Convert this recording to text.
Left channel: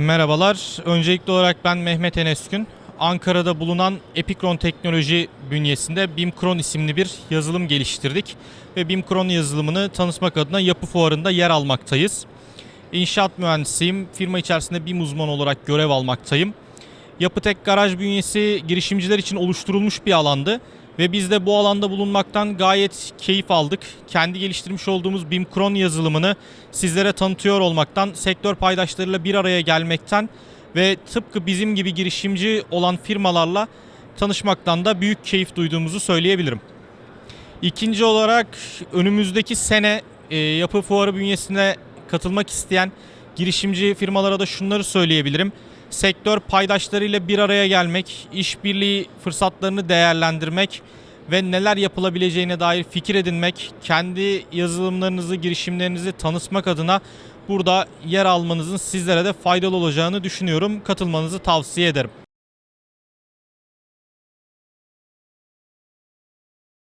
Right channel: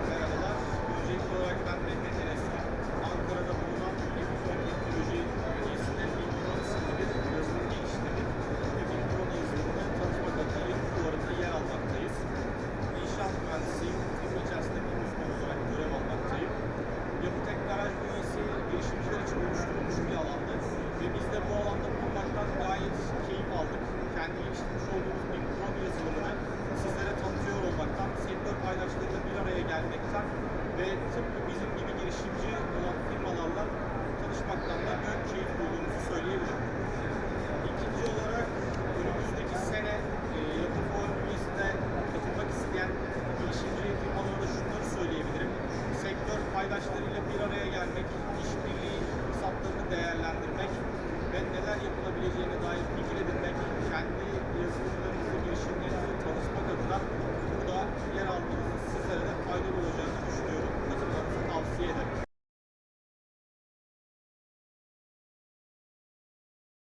Merhabalar. Öncelikli olarak ben Mehmet Enes Gün. Ankara'da bulunan Epikron Teknoloji bünyesinde BIMKRON isimli bir yazılım geliştirdik. Ve BIMKRON yazılımını tanıtmak adına yapı fuarında yer almaktayız. İnşaat mühendisiyim. Firma içerisinde BIM uzmanı olarak görev almaktayım. Yapıtek Garaj bünyesi girişimciler için oluşturulmuş bir alandı. Ve biz de bu alanda bulunmaktan gayet keyif aldık. Kendi geliştirmiş olduğumuz BIMKRON yazılımını sizlere tanıtıyor olmaktan, sektör paydaşlarıyla bir araya gelmekten ve tıpkı bizim gibi girişimci olan firmalarla tanışmaktan da büyük keyif duyduğumuzu söyleyebilirim. İkinci olarak önümüzdeki sene e, Yapı Fuarı bünyesinde katılmak isteyen girişimci firmalara da şunları söyleyebilirim. Sektör paydaşlarıyla bir araya gelmek, işbirliği fırsatlarını değerlendirmek ve neler yapılabileceğine dair fikir edinmek, kendi yazılımlarınızı, girişimlerinizi tanıtmak adına burada yer almanızın sizlere de faydalı olacağını düşünüyorum. Katılmanızı tavsiye ederim.